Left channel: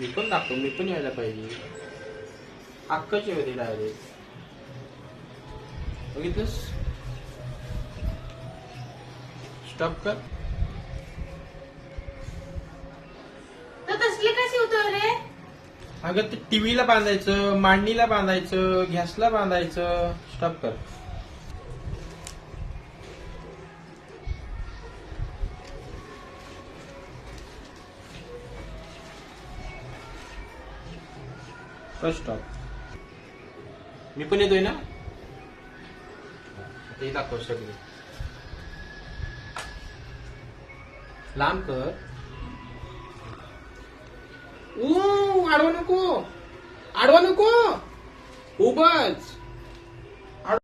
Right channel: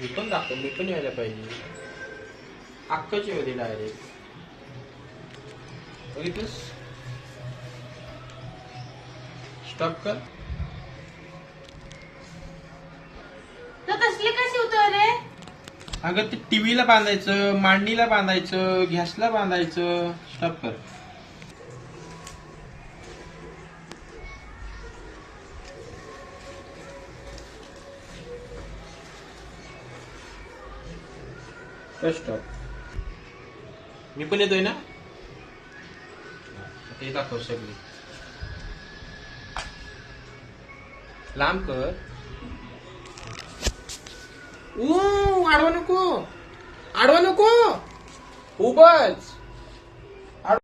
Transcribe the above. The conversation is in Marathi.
मी पण यायला पाहिजे. अक्काची होती डायरेक्ट. बघितलंस? स्टॉप कर. तर तसले कसे होतो रे? अगं ते टीव्हीला बांधायचं, मांडणीला बांधायचं, गॅसला बांधायचं. स्टॉप कर. स्टॉप. मी पण येतोय ना. ते दाखव सगळे. लांब कर. आडवा नको. आडवा नको. उभच.